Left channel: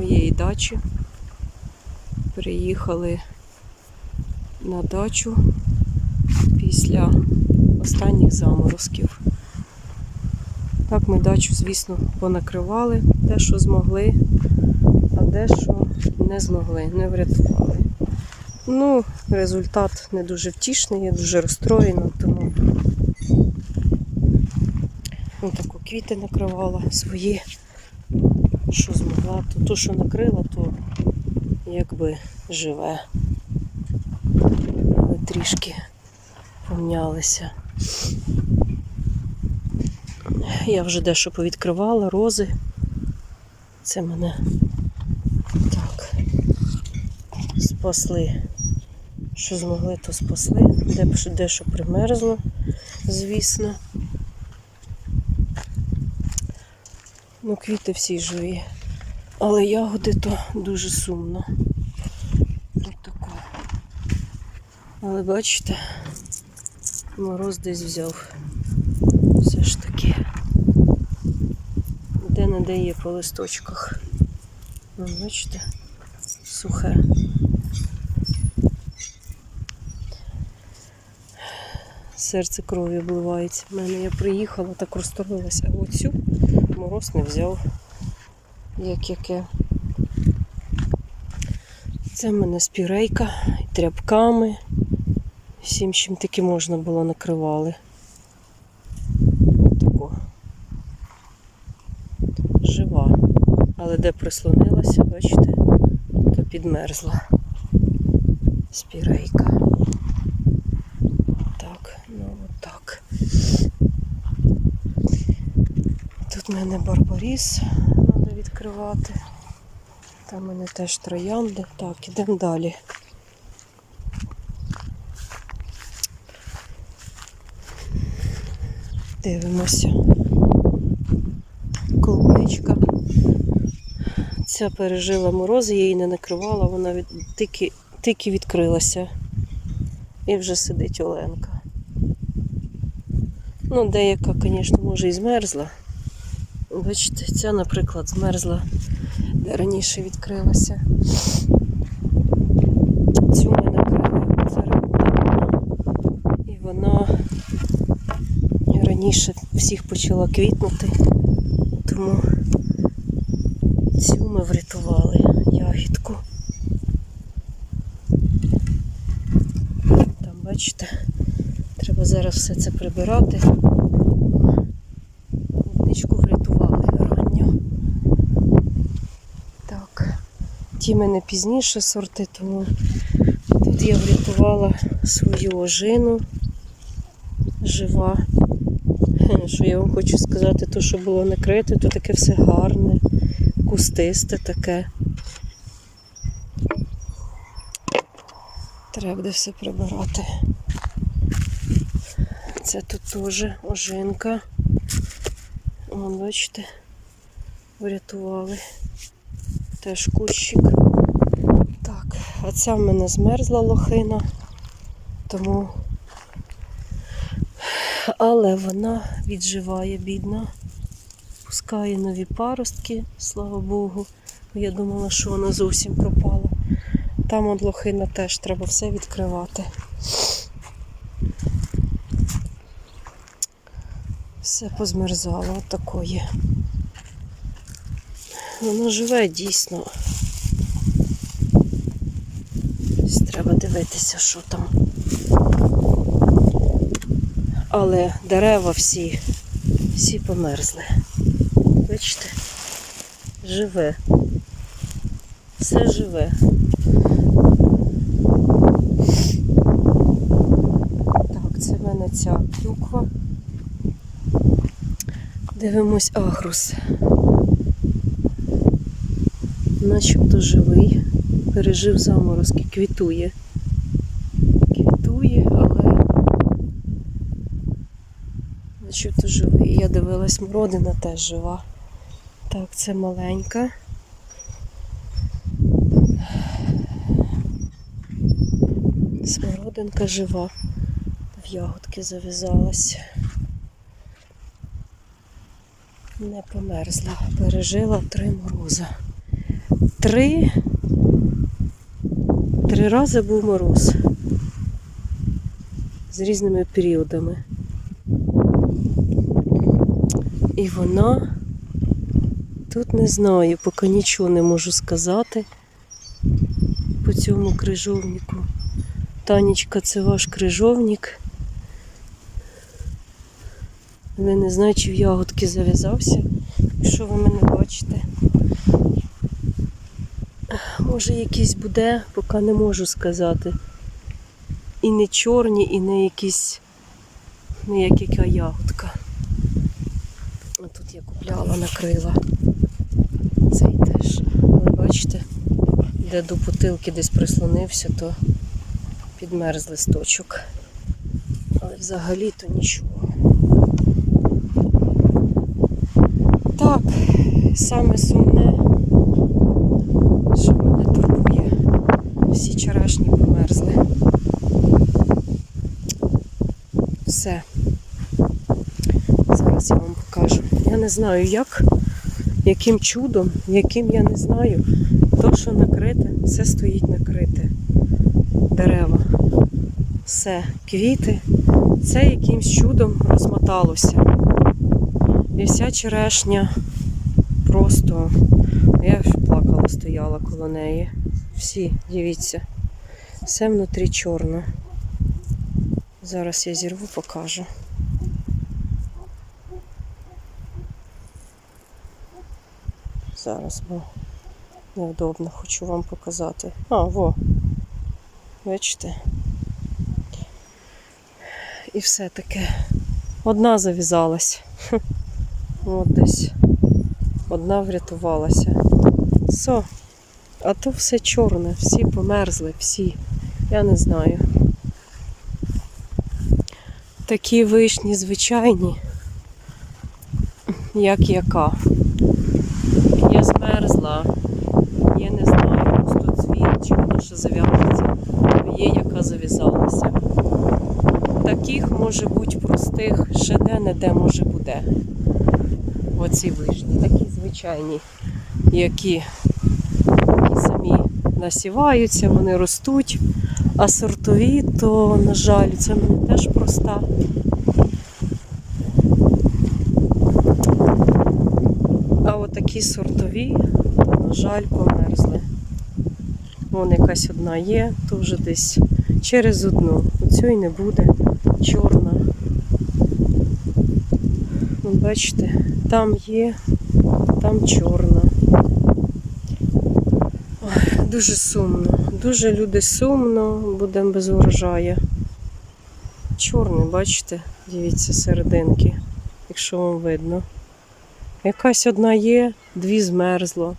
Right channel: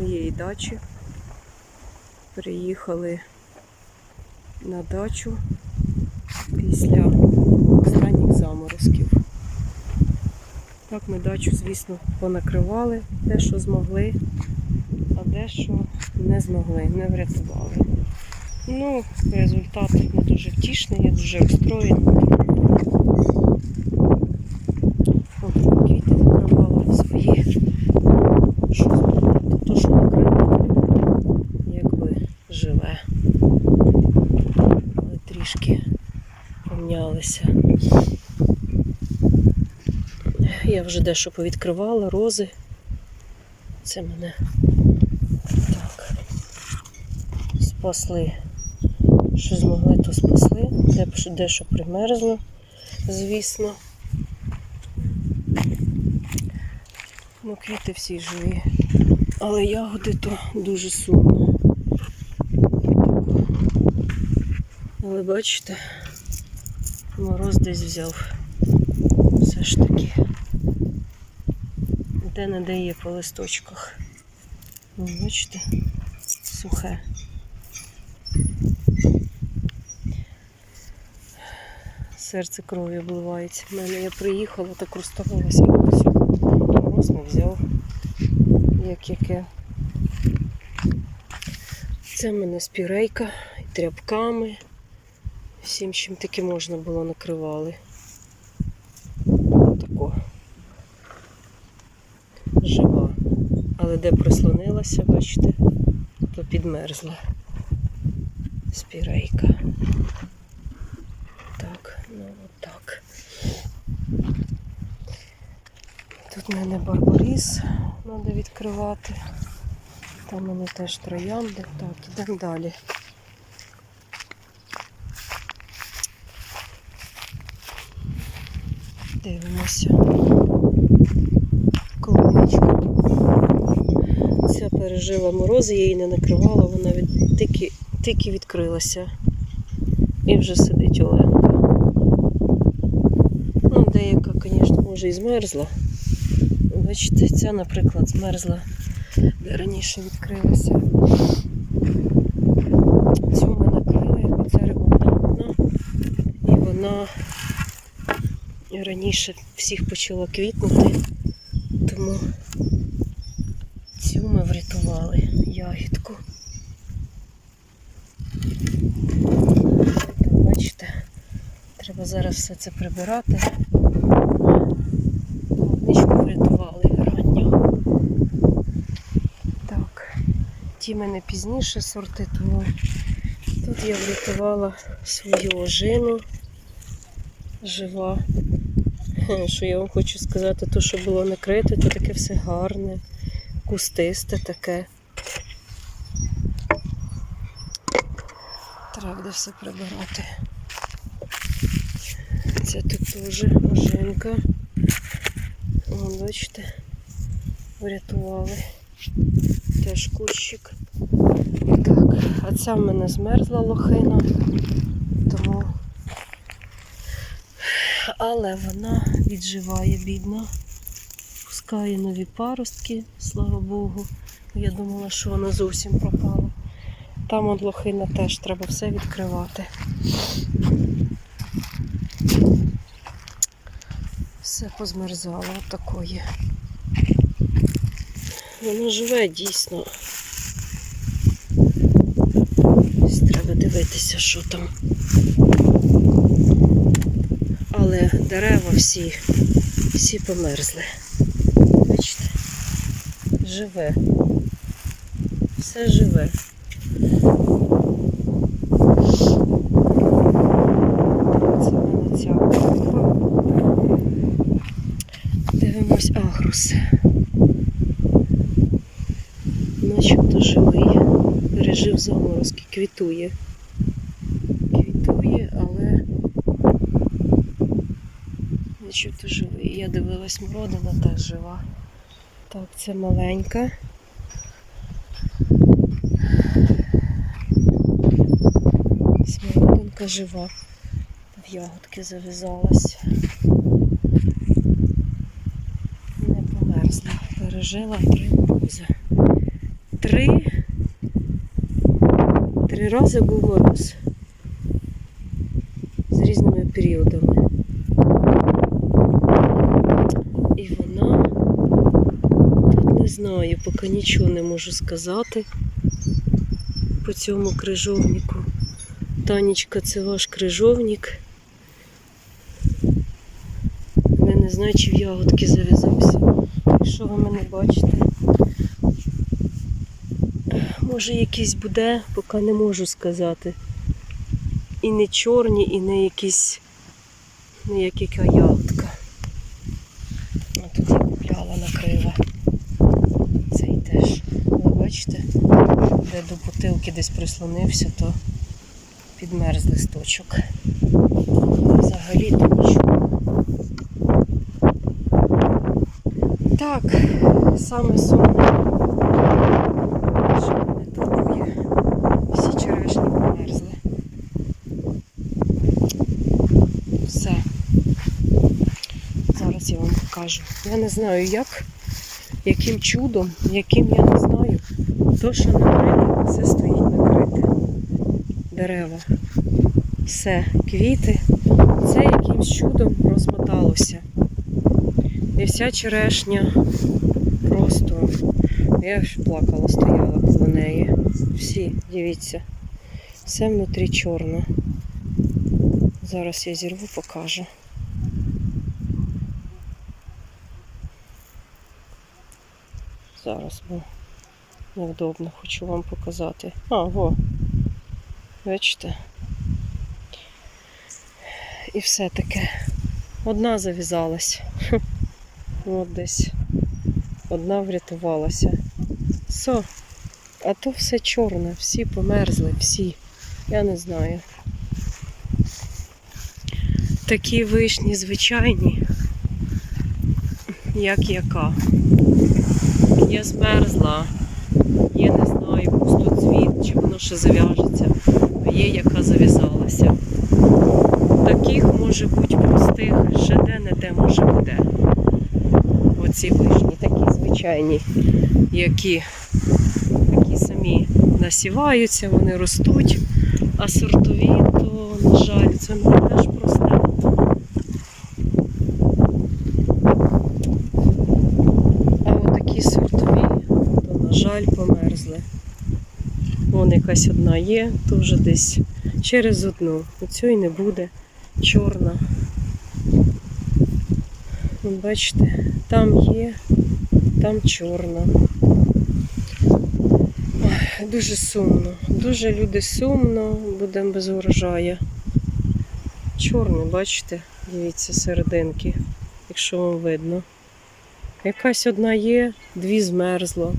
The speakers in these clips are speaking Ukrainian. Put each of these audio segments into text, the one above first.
моєї дачі. Приїхали на дачу після останніх заморозків. Так ми дачу, звісно, понакривали те, що змогли, а дещо не змогли, не врятували. Ну, результат не дуже втішний, я дуже розстроєна. От квіти накривала свої. Що змогла, то, що накрила, то якби живе. Але трішки помнялися. Я вже дещо повідкривала, рози. Це мене так спасли. Що змогли, то спасли. Де дещо примерзло, звісно. Ну, квіти всі живі. Але ягоди то дуже сумно. Але бачите, мороз десь взяв. Все ж таки. Де не де є по листочках. Ну, бачите, сухе. Серце крові обливається. В мене я приїхала, так розставилася. Ось мороз не взяв. Як яке. Це в мене спірейка тряпками. Всім, чим таки можна було накривали. Тако. Жива. Але де прислонилася, бачите, то підмерзла спірейка. Так, ну отак. Тут в мене барбаріс відкривати. Там в мене теж троянди. Так, ідемо далі. Дивимося. Клубничка. Ця пережила морози, я її не накривала, вона від... тільки, тільки відкрилася. І вже сидить Оленка. Ну, деяка, звісно, може і змерзла. Бачите, ця, наприклад, змерзла, де раніше відкрилася. Цю ми накрили, ремонтована. І вона раніше всіх почала квітнути, тому цю ми врятували ягідку. Там, бачите, треба зараз все це прибирати. Клубничку врятували ранньо. Так, ті мене пізніше сорти, тому тут я врятувала свою ожину жива. Що я вам хочу сказати, то, що було накрите, то таке все гарне, кустисте таке. Треба буде все прибирати. Це тут теж ожинка. Вон, бачите, врятували. Теж кущик. Так, а ця в мене змерзла лохина, тому. Але вона відживає, бідна. Пускає нові паростки, слава Богу. Я думала, що вона зовсім пропала. Там от лохина теж треба все відкривати. Все позмерзало отакої. Воно живе дійсно. Треба дивитися, що там. Але дерева всі, всі померзли. Бачите? Живе. Все живе. Це в мене ця. Дивимось агрус. Начебто живий. Пережив заморозки, квітує. Квітує, але начебто живий. Я дивилась, мородина теж жива. Так, це маленька. Смородинка жива. В ягодки зав'язалась. Не померзла. Пережила три морози. Три. Три рази був мороз. З різними періодами. І вона тут не знаю, поки нічого не можу сказати по цьому крижовнику. Танечка, це ваш крижовник. Але не знаю, чи в ягодки зав'язався. Якщо ви мене бачите. Може якийсь буде, поки не можу сказати. І не чорні, і не якісь, не як яка ягодка. А тут я купляла накрила. Цей теж. Ви бачите, де до бутилки десь прислонився, то підмерз листочок. А взагалі то нічого. Так, саме сумне, що мене турбує. Всі черешні померзли. Все. Зараз я вам покажу. Я не знаю як, яким чудом, яким я не знаю. То, що накрите, все стоїть накрите. Дерева. Все, квіти. Це якимсь чудом розмоталося. І вся черешня просто. Я плакала, стояла коло неї. Всі, дивіться. Все внутрі чорне. Зараз я зірву, покажу. Зараз, бо невдобно хочу вам показати. А, во. Бачите? І все таке. Одна зав'язалась. От десь. Одна врятувалася. Все. А то все чорне, всі померзли, всі. Я не знаю. Такі вишні звичайні, як яка. Я змерзла. Я не знаю, пустоцвіт, чи воно ще зав'яжеться. Є, яка зав'язалася. Таких може бути простих, ще де-не-де може буде. Оці вишні, такі звичайні, які самі насіваються, вони ростуть. А сортові, то, на жаль, це теж проста. А отакі сортові, то, на жаль, померзли. Вон якась одна є, то вже десь через одну. Оцю і не буде. Чорна. Бачите, там є, там чорна. Дуже сумно. Дуже люди сумно, будемо без урожаю. Чорний, бачите, дивіться, серединки, якщо вам видно. Якась одна є, дві змерзло.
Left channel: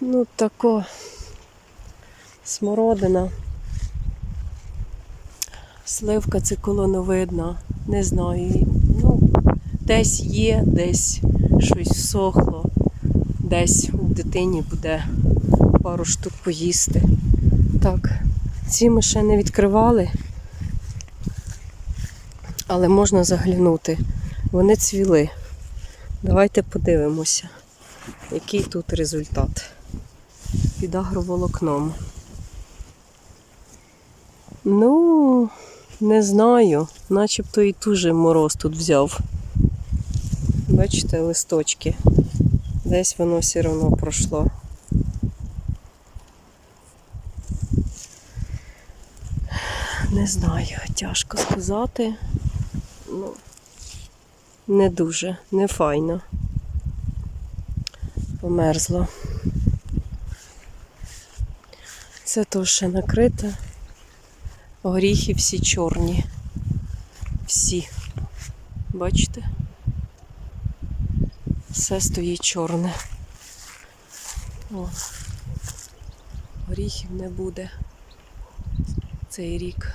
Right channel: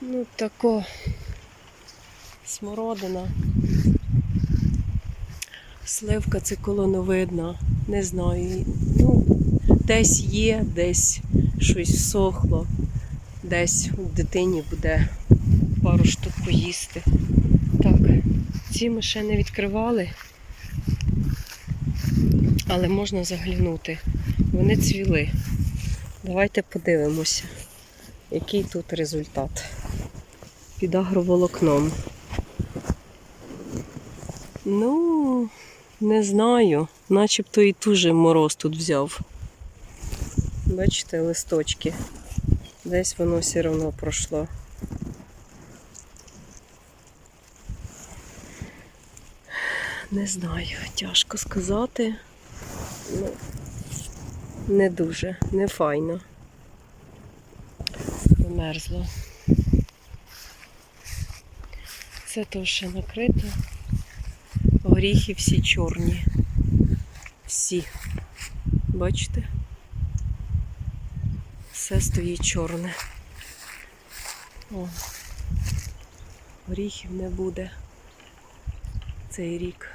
Ну, тако смородина. Сливка це колоновидна. Не знаю. Ну, десь є, десь щось всохло, десь дитині буде пару штук поїсти. Так, ці ми ще не відкривали, але можна заглянути. Вони цвіли. Давайте подивимося, який тут результат. Під агроволокном. Ну, не знаю. Начебто і дуже мороз тут взяв. Бачите, листочки. Десь воно все одно пройшло. Не знаю, тяжко сказати. Ну, не дуже, не файно. Померзло. Це то ще накрите. Горіхи всі чорні. Всі. Бачите? Все стоїть чорне. О. Горіхів не буде. Цей рік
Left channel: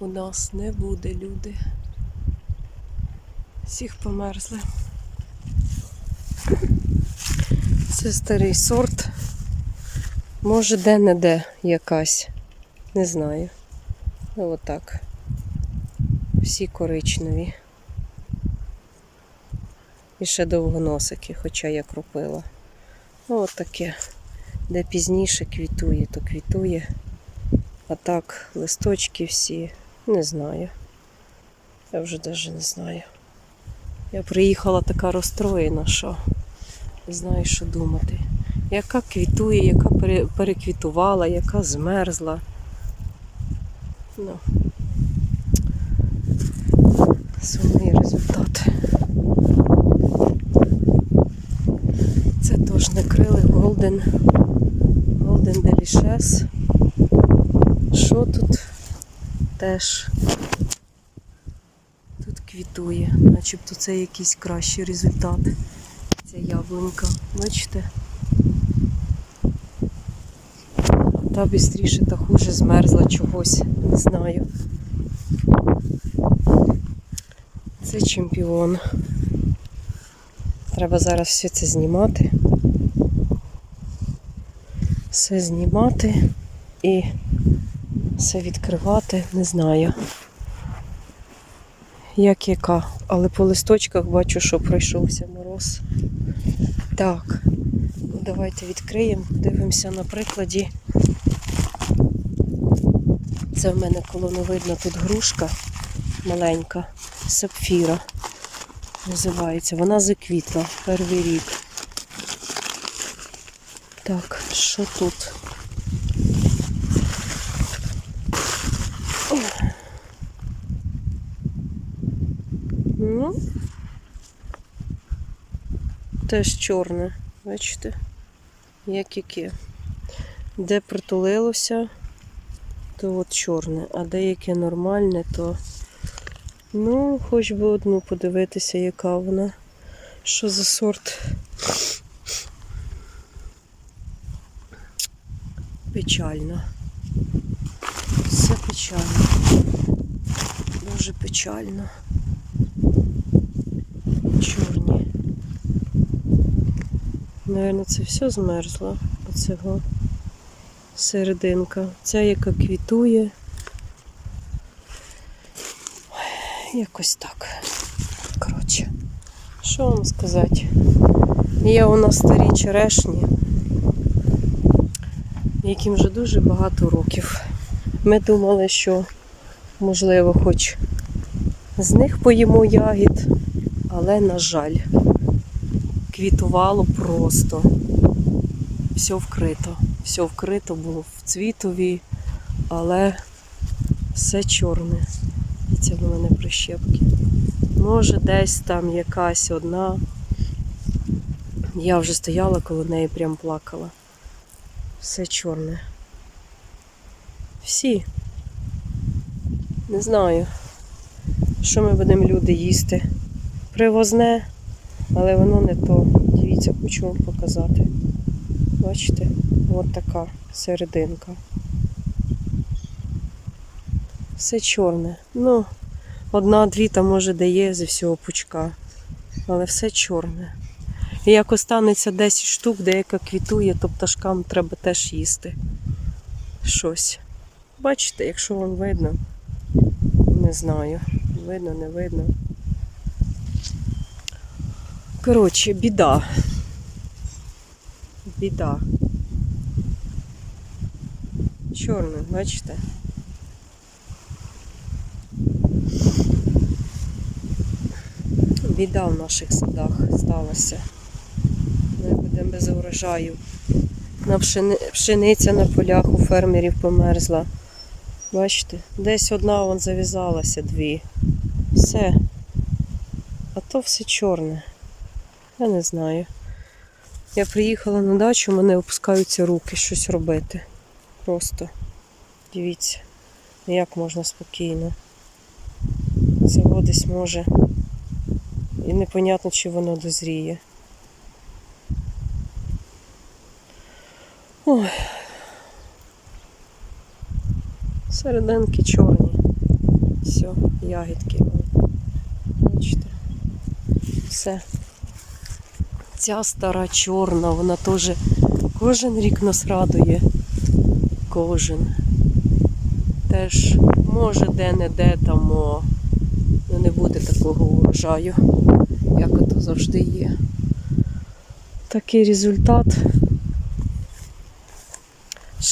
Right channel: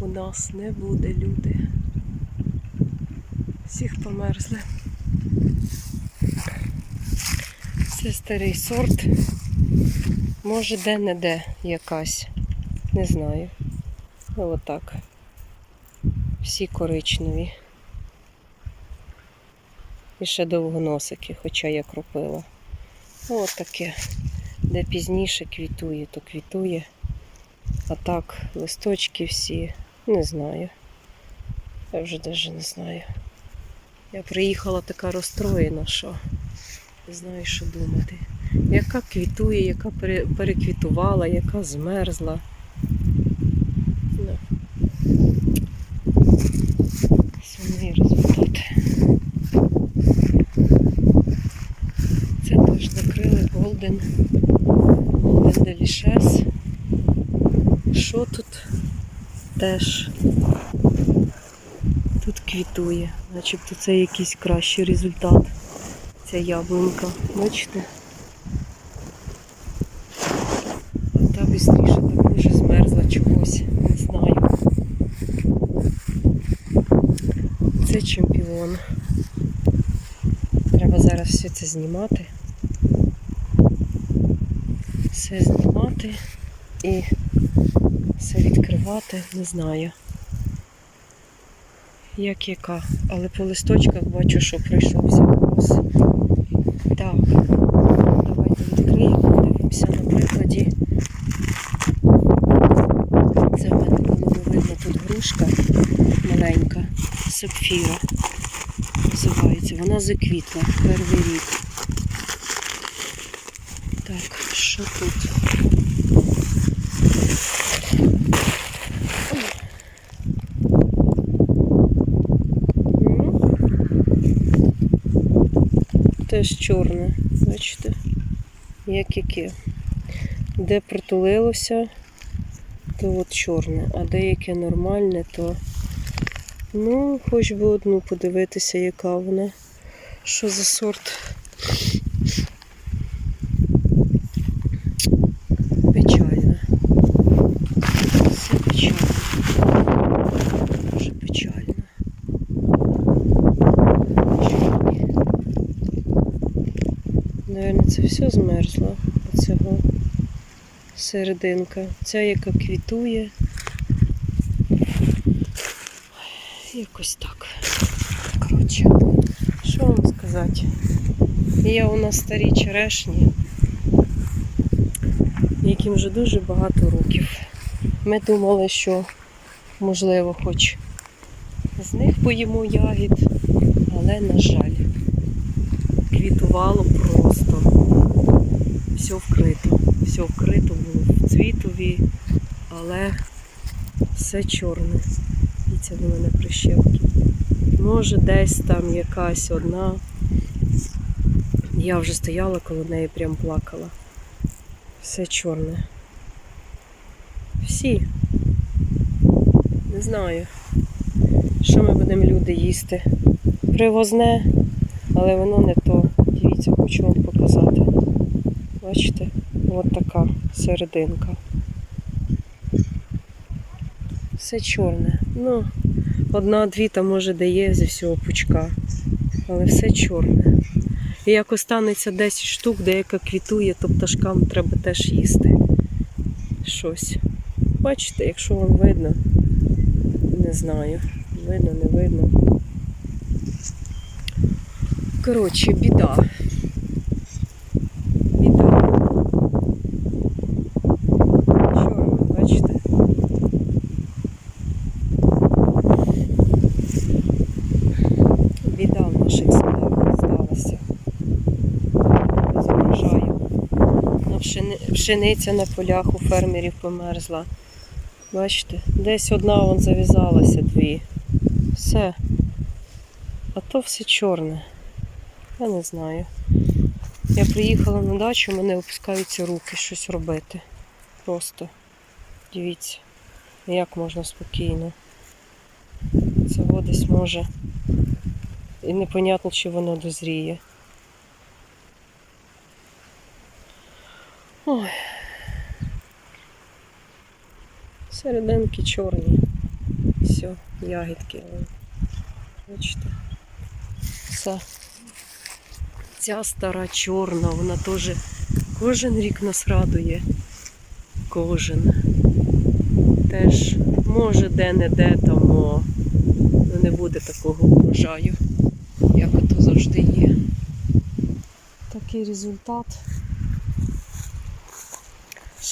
у нас не буде, люди. Всіх померзли. Це старий сорт. Може де-не-де якась. Не знаю. Отак. Всі коричневі. І ще довгоносики, хоча я кропила. От таке. Де пізніше квітує, то квітує. А так, листочки всі, не знаю. Я вже навіть не знаю. Я приїхала така розстроєна, що не знаю, що думати. Яка квітує, яка переквітувала, яка змерзла. Ну. Сумний результат. Теж накрили Golden, Golden Delicious. Що тут теж тут квітує, начебто це якийсь кращий результат. Ця яблунька. Бачите? Та бістріше та хуже змерзла чогось, не знаю. Це чемпіон. Треба зараз все це знімати. Все знімати і все відкривати, не знаю. Як яка, але по листочках бачу, що пройшовся мороз. Так, давайте відкриємо, подивимося на прикладі. Це в мене коло не видно тут грушка маленька, сапфіра називається. Вона заквітла перший рік. Так, що тут? Ну, теж чорне, бачите, як яке. Де притулилося, то от чорне, а деяке нормальне, то ну, хоч би одну подивитися, яка вона. Що за сорт? Печально. Все печально. Дуже печально. Чорний. Наверно, це все змерзло. Оцього серединка. Ця, яка квітує. Якось так. Коротше, що вам сказати? Є у нас старі черешні, яким вже дуже багато років. Ми думали, що можливо хоч з них поїмо ягід, але, на жаль, квітувало просто. Все вкрито. Все вкрито було в цвітові, але все чорне. І це в мене прищепки. Може, десь там якась одна. Я вже стояла коло неї, прям плакала. Все чорне. Всі. Не знаю, що ми будемо люди їсти. Привозне, але воно не то. Дивіться, хочу вам показати. Бачите? От така серединка. Все чорне. Ну, одна-дві там може дає зі всього пучка. Але все чорне. І як останеться 10 штук, деяка квітує, то пташкам треба теж їсти. Щось. Бачите, якщо вам видно, не знаю. Видно, не видно. Коротше, біда. Біда. Чорне, бачите? Біда в наших садах сталася. Урожаю. На пшени... Пшениця на полях у фермерів померзла. Бачите, десь одна вон зав'язалася, дві. Все. А то все чорне. Я не знаю. Я приїхала на дачу, мене опускаються руки щось робити. Просто дивіться, як можна спокійно. Це десь може. І непонятно, чи воно дозріє. Ой. Серединки чорні. Все, ягідки. Бачите. Все. Ця стара чорна, вона теж кожен рік нас радує. Кожен. Теж може де-не-де там, не буде такого урожаю, як ото завжди є. Такий результат.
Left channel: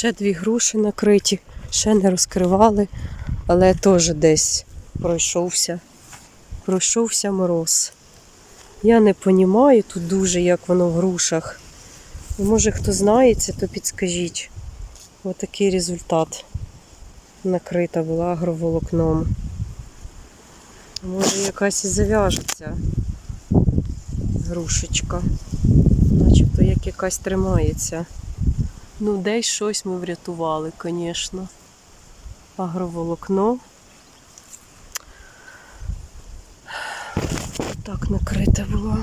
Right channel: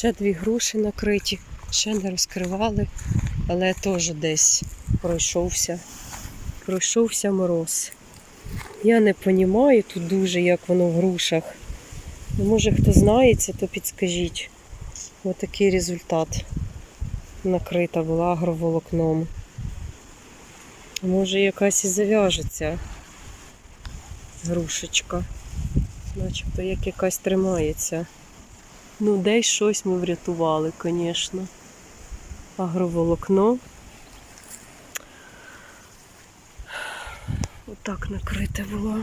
Ще дві груші накриті, ще не розкривали, але теж десь пройшовся. Пройшовся мороз. Я не розумію тут дуже, як воно в грушах. Ну, Може хто знається, то підскажіть. Отакий результат. Накрита була агроволокном. Може якась і зав'яжеться грушечка. Начебто як якась тримається. Ну, десь щось ми врятували, звісно. Агроволокно. Отак накрите було.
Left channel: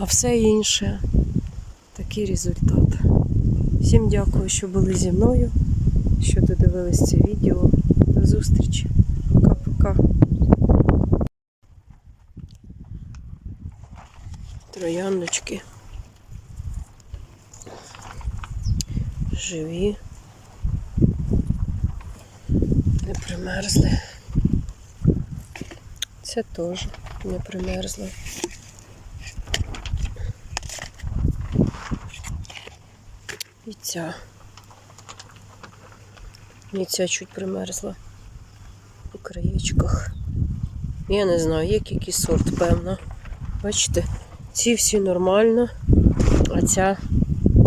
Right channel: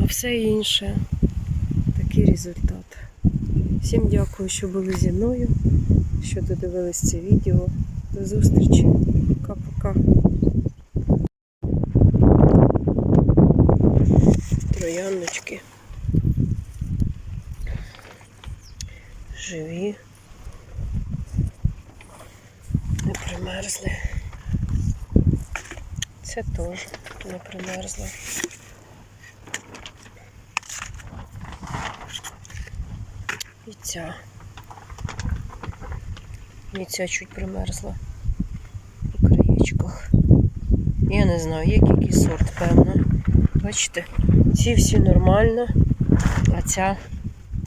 А все інше такий результат. Всім дякую, що були зі мною, що додивились це відео. До зустрічі. Пока-пока. Трояндочки. Живі. Не примерзли. Це теж не примерзло. І ця. І ця чуть примерзла у краєчках. Я не знаю, як який сорт, певно. Бачите, ці всі нормально, а ця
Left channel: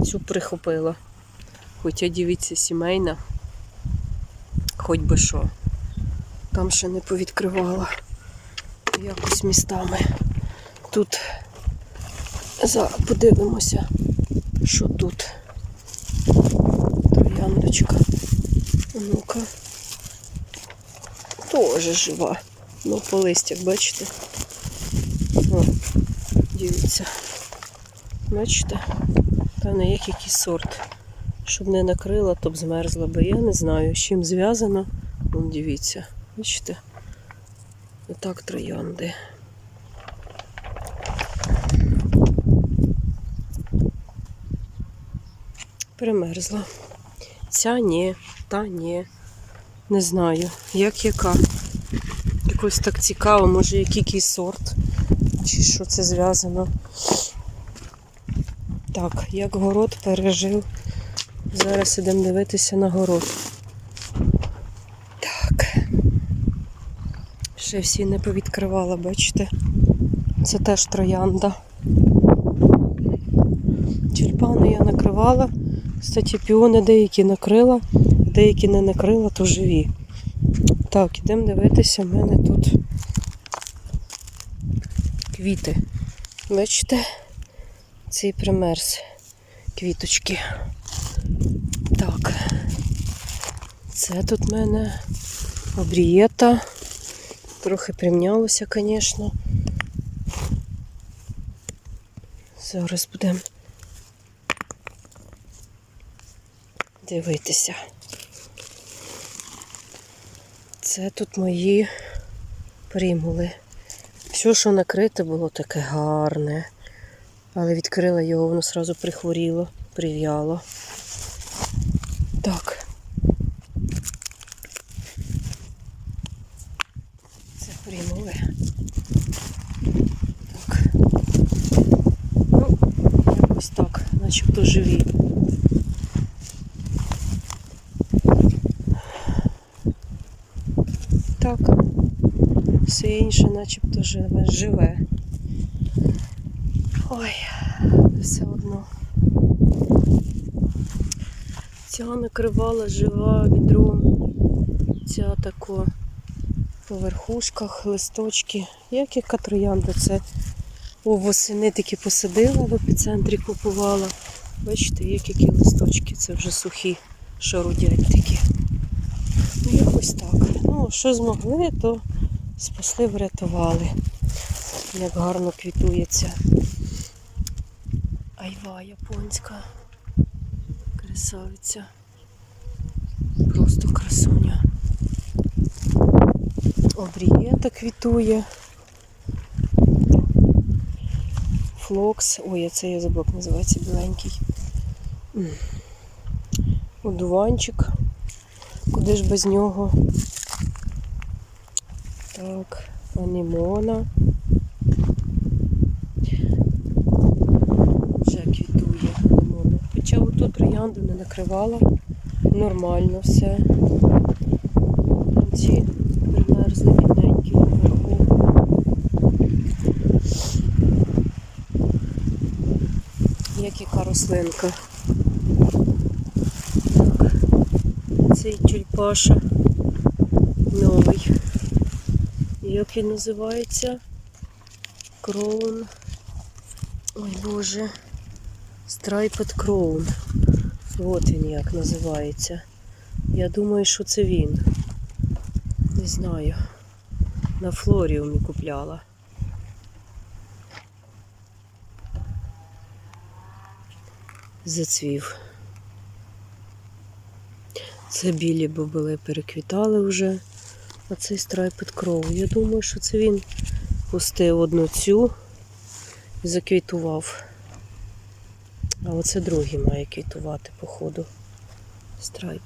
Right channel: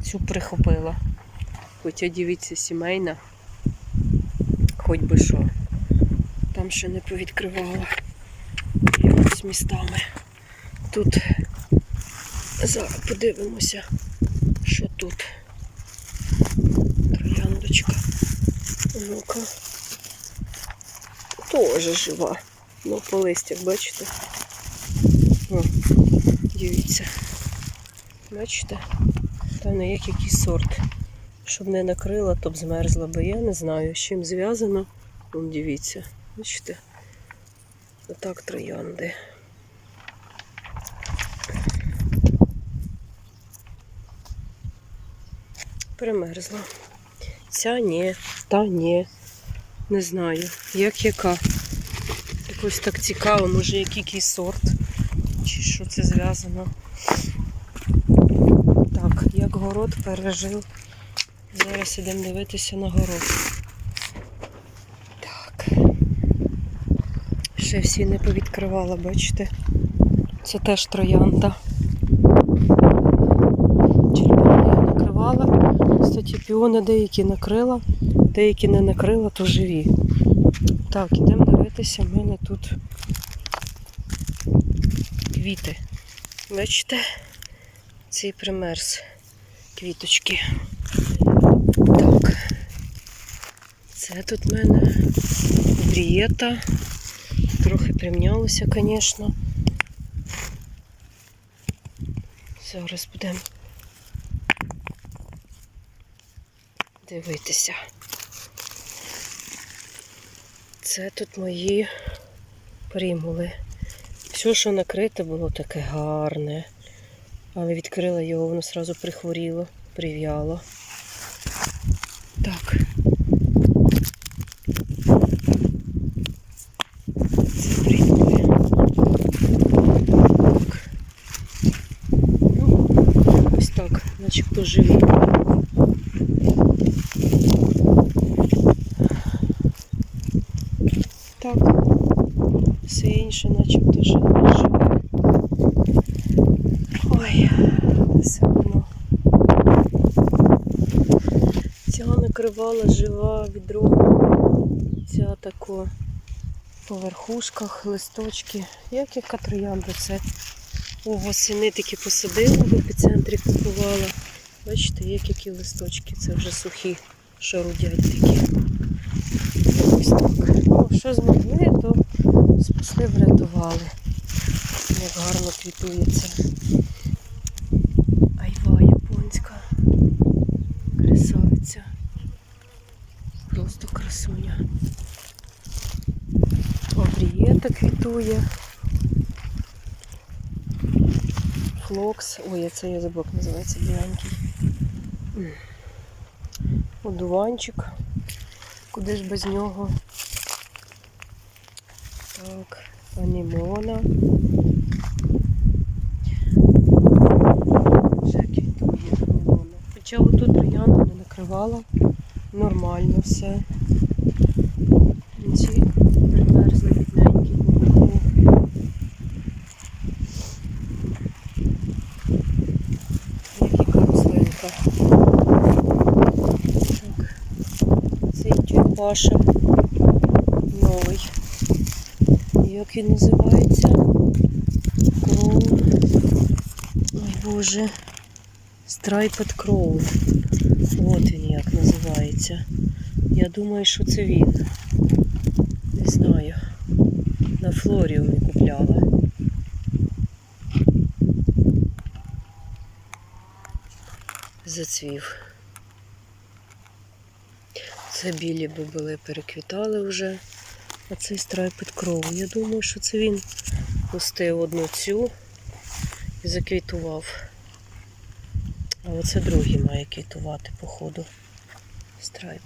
цю прихопила. Хоча дивіться, сімейна, хоч би що. Там ще не повідкривала якось містами. Тут зараз подивимося, що тут. Трояндочка. Ну-ка. Тоже жива. Ну, по листях, бачите? О, дивіться. Бачите? Та не як якийсь сорт. Щоб не накрила, то б змерзла би. Я не знаю, з чим зв'язано. Вон дивіться. Бачите? Отак троянди. Примерзла. Ця ні, та ні. Не знаю, як яка. Якось так цікаво, може який сорт, чи що це зв'язано. Так, як город пережив. Зараз ідемо дивитися на город. Так. Ще всі не повідкривала, бачите? Це теж троянда. Тюльпани я накривала. Кстати, піони деякі накрила, деякі не накрила, то живі. Так, ідемо дивитися, в мене тут квіти. Бачите? Цей примерз квіточки. Так. Це тут в мене обрієта. Трохи примнялося, звісно. Зараз будемо дивитися. Це тут мої примули. Все, що накрите, було таке гарне. Але відкрила його, воно одразу прихворіло, прив'яло. Так. Це. Так. Ну, ось так, начебто живі. Так, все інше начебто живе. Накривала жива відром. Ця тако по верхушках, листочки. Як яка троянда це у восени такі посадила, в епіцентрі купувала. Бачите, як які листочки, це вже сухі, що рудять такі. Ось так. Ну, що змогли, то спасли, врятували. Як гарно квітується. Айва японська. Красавиця просто красуня. Лаврієта квітує. Флокс. Ой, а це я забув, називається біленький. Одуванчик. Куди ж без нього? Так, анемона. Вже квітує анемона. Хоча отут троянду не накривала. Нормально все. Ці примерзли бідненькі вверху. Як яка рослинка. Так. Цей тюльпаша новий. Як він називається? Кроун. Ой Боже. Страйпет Кроун. От він як називається. Я думаю, що це він. Не знаю. На флоріумі купляла. Зацвів. Це білі бобили переквітали вже. А цей страйпет кров. Я думаю, що це він пустив одну цю і заквітував. А оце другий має квітувати, походу.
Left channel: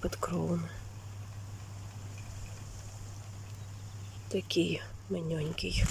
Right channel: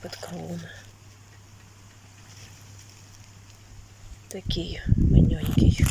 під кровами. Такий маньонький.